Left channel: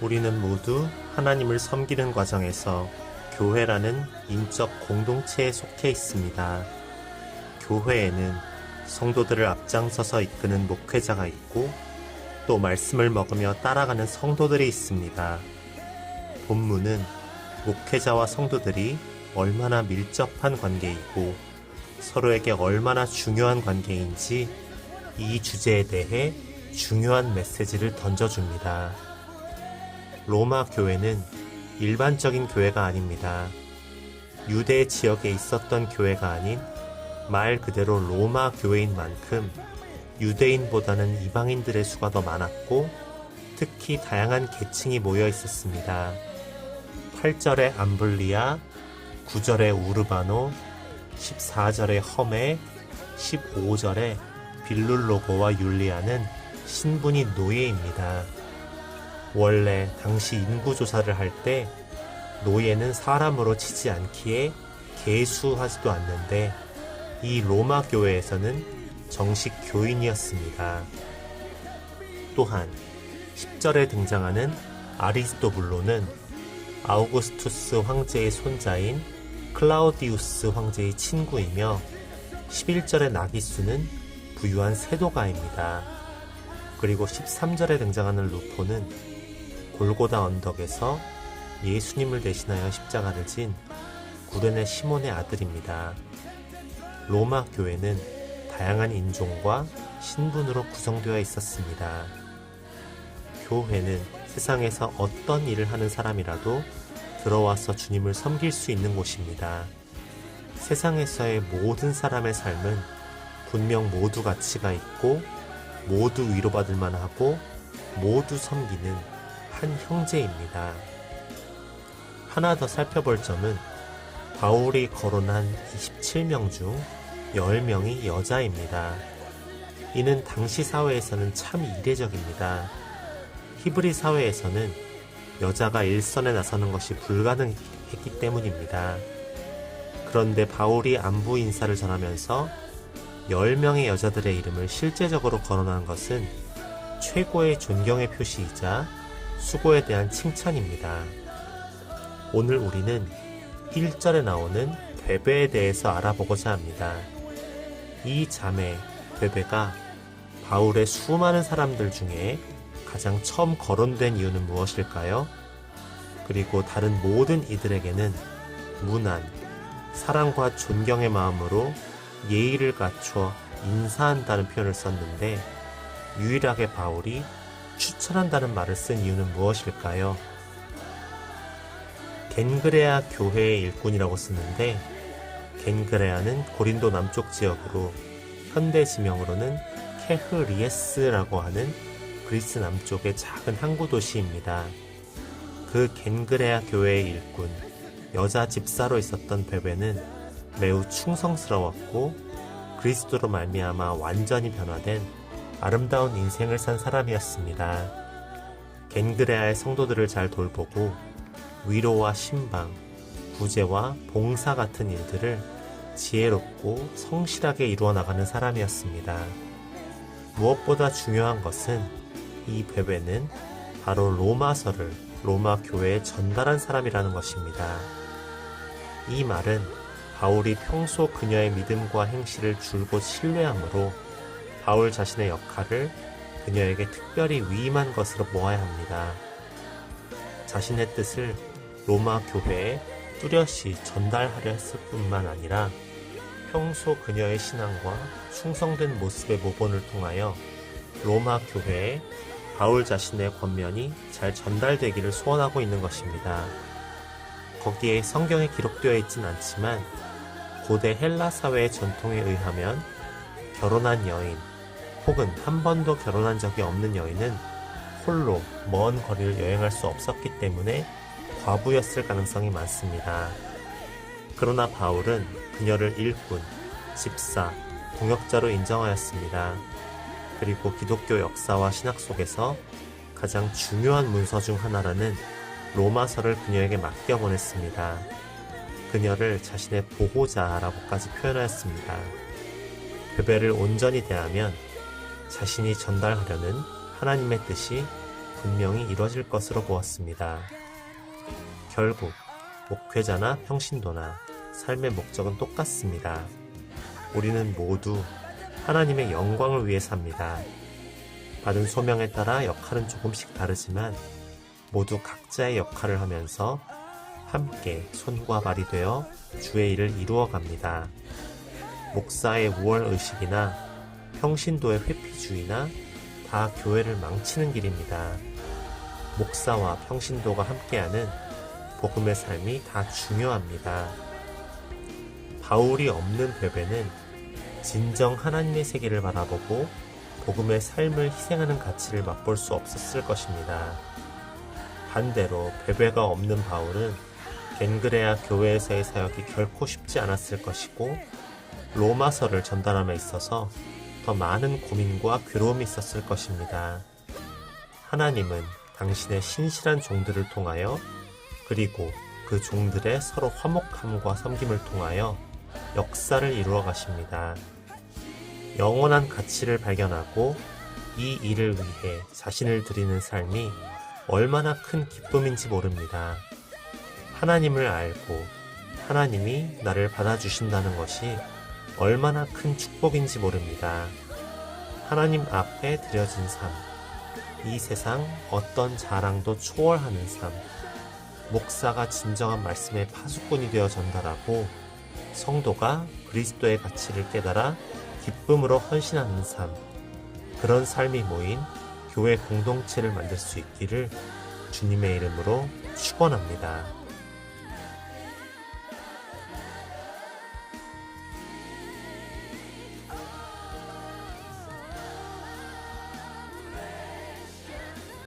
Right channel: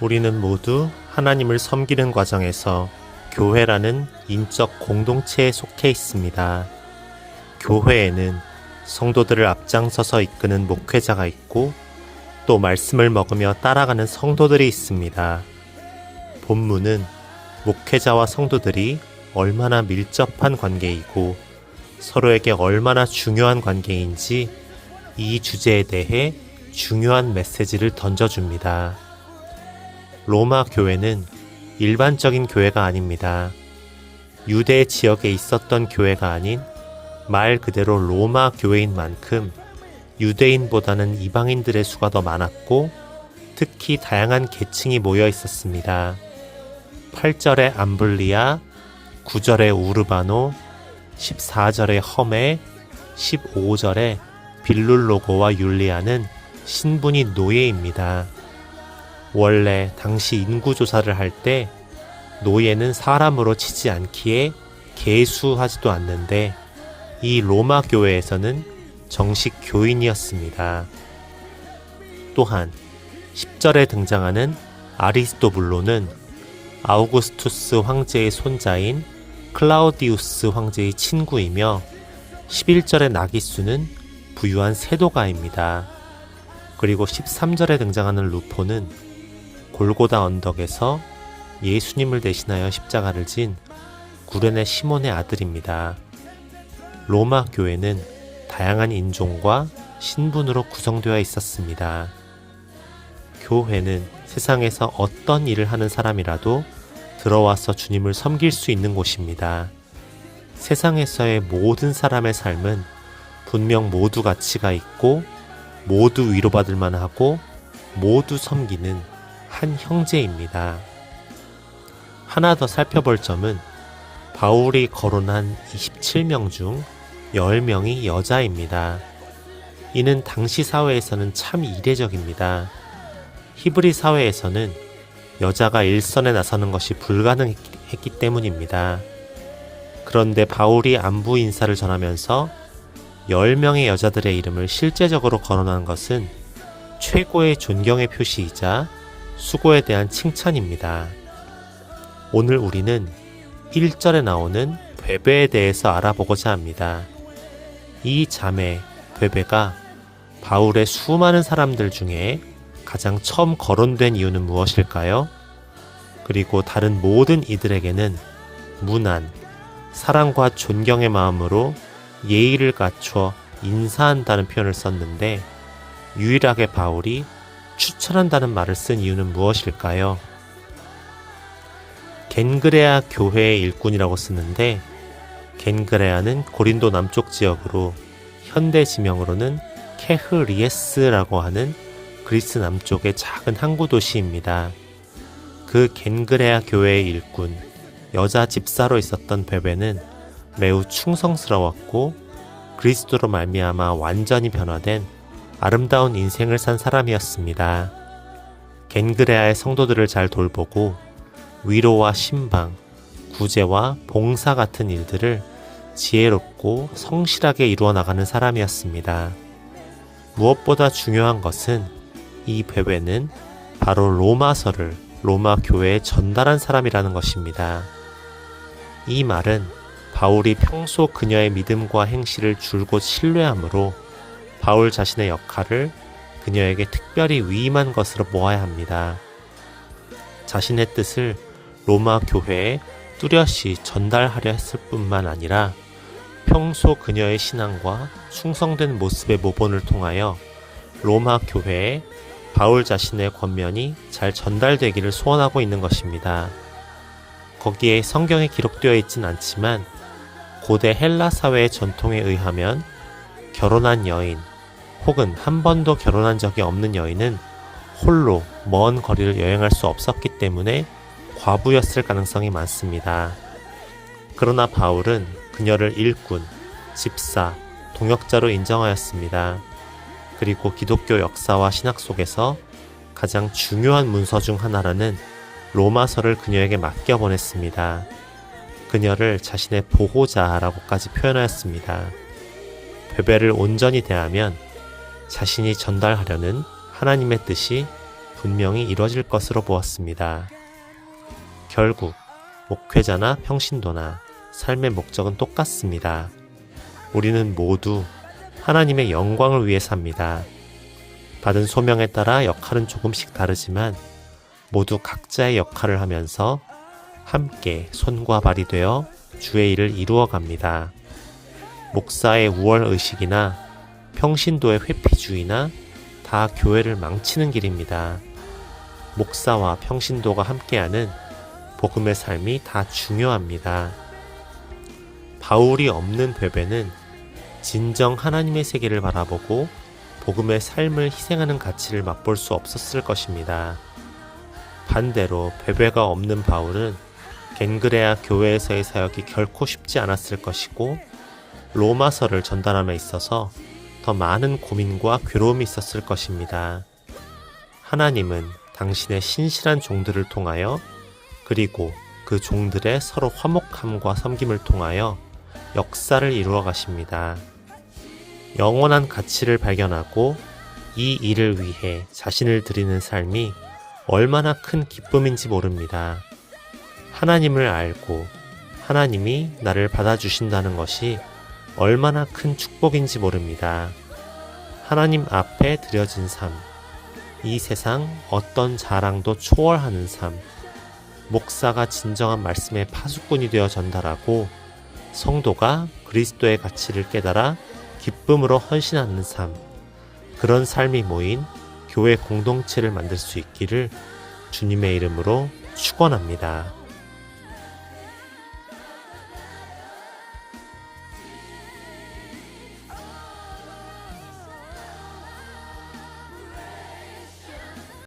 우리는 모두 하나님을 섬기는 과정에서 교회라는 인적 공동체에 속해 있습니다. 교회에는 성도들을 앞장서서 이끄는 목회자가 있고 또 말씀을 먹으며 따라가는 성도들이 있습니다. 본문은 목회자와 성도들이 얼마나 밀접한 관계이고 서로에게 얼마나 중요한 관계인지 이 주제에 대해 중요한 메시지를 던져줍니다. 로마 교회는 일반적인 교회가 아닙니다. 유대 지역에 있었던 교회가 아닌 말 그대로 로마 교회인 만큼 유대인보다는 이방인들의 수가 더 많았고 특히 다양한 계층이 모여 있었습니다. 8절의 암블리아, 9절의 우르바노, 14절의 험에, 15절의 빌룰로고와 율리아는 신분이 노예입니다. 원래 당시 인구조사를 할 때 노예는 사람으로 치지 않기에 계수하지도 않는데 이 로마 교회에서는 정식 교인이었습니다. 또한 10절에 등장하는 아리스토블로는 아우구스투스 황제의 손자인 클라우디우스 황제의 친구이며 11절의 나기수는 부유한 세도가입니다. 그리고 13절에 등장하는 루포는 골고다 언덕에서 예수님을 대신하여 십자가를 진 구레네 시몬의 아들입니다. 로마 교회는 다양한 인종과 신분으로 구성되어 있었습니다. 교회는 세상에서 어떤 일을 하는 사람이라도 들어와서 주님을 섬길 수 있는 곳입니다. 세상에서의 모든 사람의 삶은 분명 모두 가치가 있고 모두 위로받을 만하고 모두 섬기는 한 형제입니다. 하나 더 살펴볼 점은 바울이 거론한 27명 중 10명이 여자입니다. 이는 당시 사회에서는 참 이례적입니다. 히브리 사회에서는 여자가 일선에 나서는 것이 불가능했기 때문입니다. 그런데 바울이 안부 인사를 전하면서 10명의 여자들의 이름을 실제적으로 거론한 것은 최고의 존경의 표시이자 수고에 대한 칭찬입니다. 오늘 우리는 1절에 나오는 베베에 대해서 알아보고자 합니다. 이 자매 베베가 바울의 수많은 사람들 중에 가장 처음 거론된 이유는 무엇일까요? 그리고 다른 모든 이들에게는 무난, 사랑과 존경의 마음으로 예의를 갖추어 인사한다는 표현을 썼는데 유일하게 바울이 추천한다는 말을 쓴 이유는 무엇일까요? 겐그레아 교회의 일꾼이라고 쓰는데 겐그레아는 고린도 남쪽 지역으로 현대 지명으로는 케흐리에스라고 하는 그리스 남쪽의 작은 항구 도시입니다. 그 겐그레아 교회의 일꾼, 여자 집사로 있었던 베베는 매우 충성스러웠고 그리스도로 말미암아 완전히 변화된 아름다운 인생을 산 사람이었습니다. 겐그레아의 성도들을 잘 돌보고 위로와 신방, 구제와 봉사 같은 일들을 지혜롭고 성실하게 이루어 나가는 사람이었습니다. 무엇보다 중요한 것은 이 베베는 바로 로마서를 로마 교회에 전달한 사람이라는 것입니다. 이 말은 바울이 평소 그녀의 믿음과 행실을 줄곧 신뢰하므로 바울 자신의 역할을 그녀에게 특별히 위임한 것으로 보아야 합니다. 자신의 뜻을 로마 교회에 뚜렷이 전달하려 했을 뿐만 아니라 평소 그녀의 신앙과 충성된 모습의 모본을 통하여 로마 교회에 바울 자신의 권면이 잘 전달되기를 소원하고 있는 것입니다. 거기에 성경에 기록되어 있진 않지만 고대 헬라 사회의 전통에 의하면 결혼한 여인 혹은 한 번도 결혼한 적이 없는 여인은 홀로 먼 거리를 여행할 수 없었기 때문에 과부였을 가능성이 많습니다. 그러나 바울은 그녀를 일꾼, 집사, 동역자로 인정하였습니다. 그리고 기독교 역사와 신학 속에서 가장 중요한 문서 중 하나라는 로마서를 그녀에게 맡겨보냈습니다. 그녀를 자신의 보호자라고까지 표현하였습니다. 베베를 온전히 대하면 자신이 전달하려는 하나님의 뜻이 분명히 이뤄질 것으로 보았습니다. 결국 목회자나 평신도나 삶의 목적은 똑같습니다. 우리는 모두 하나님의 영광을 위해 삽니다. 받은 소명에 따라 역할은 조금씩 다르지만 모두 각자의 역할을 하면서 함께 손과 발이 되어 주의 일을 이루어 갑니다. 목사의 우월의식이나 평신도의 회피주의나 다 교회를 망치는 길입니다. 목사와 평신도가 함께하는 복음의 삶이 다 중요합니다. 바울이 없는 베베는 진정 하나님의 세계를 바라보고 복음의 삶을 희생하는 가치를 맛볼 수 없었을 것입니다. 반대로 베베가 없는 바울은 겐그레아 교회에서의 사역이 결코 쉽지 않았을 것이고 로마서를 전달함에 있어서 더 많은 고민과 괴로움이 있었을 것입니다. 하나님은 당신의 신실한 종들을 통하여 그리고 그 종들의 서로 화목함과 섬김을 통하여 역사를 이루어 가십니다. 영원한 가치를 발견하고 이 일을 위해 자신을 드리는 삶이 얼마나 큰 기쁨인지 모릅니다. 하나님을 알고 하나님이 나를 받아주신다는 것이 얼마나 큰 축복인지 모릅니다. 하나님 앞에 드려진 삶, 이 세상 어떤 자랑도 초월하는 삶, 목사가 진정한 말씀의 파수꾼이 되어 전달하고 성도가 그리스도의 가치를 깨달아 기쁨으로 헌신하는 삶, 그런 삶이 모인 교회 공동체를 만들 수 있기를 주님의 이름으로 축원합니다.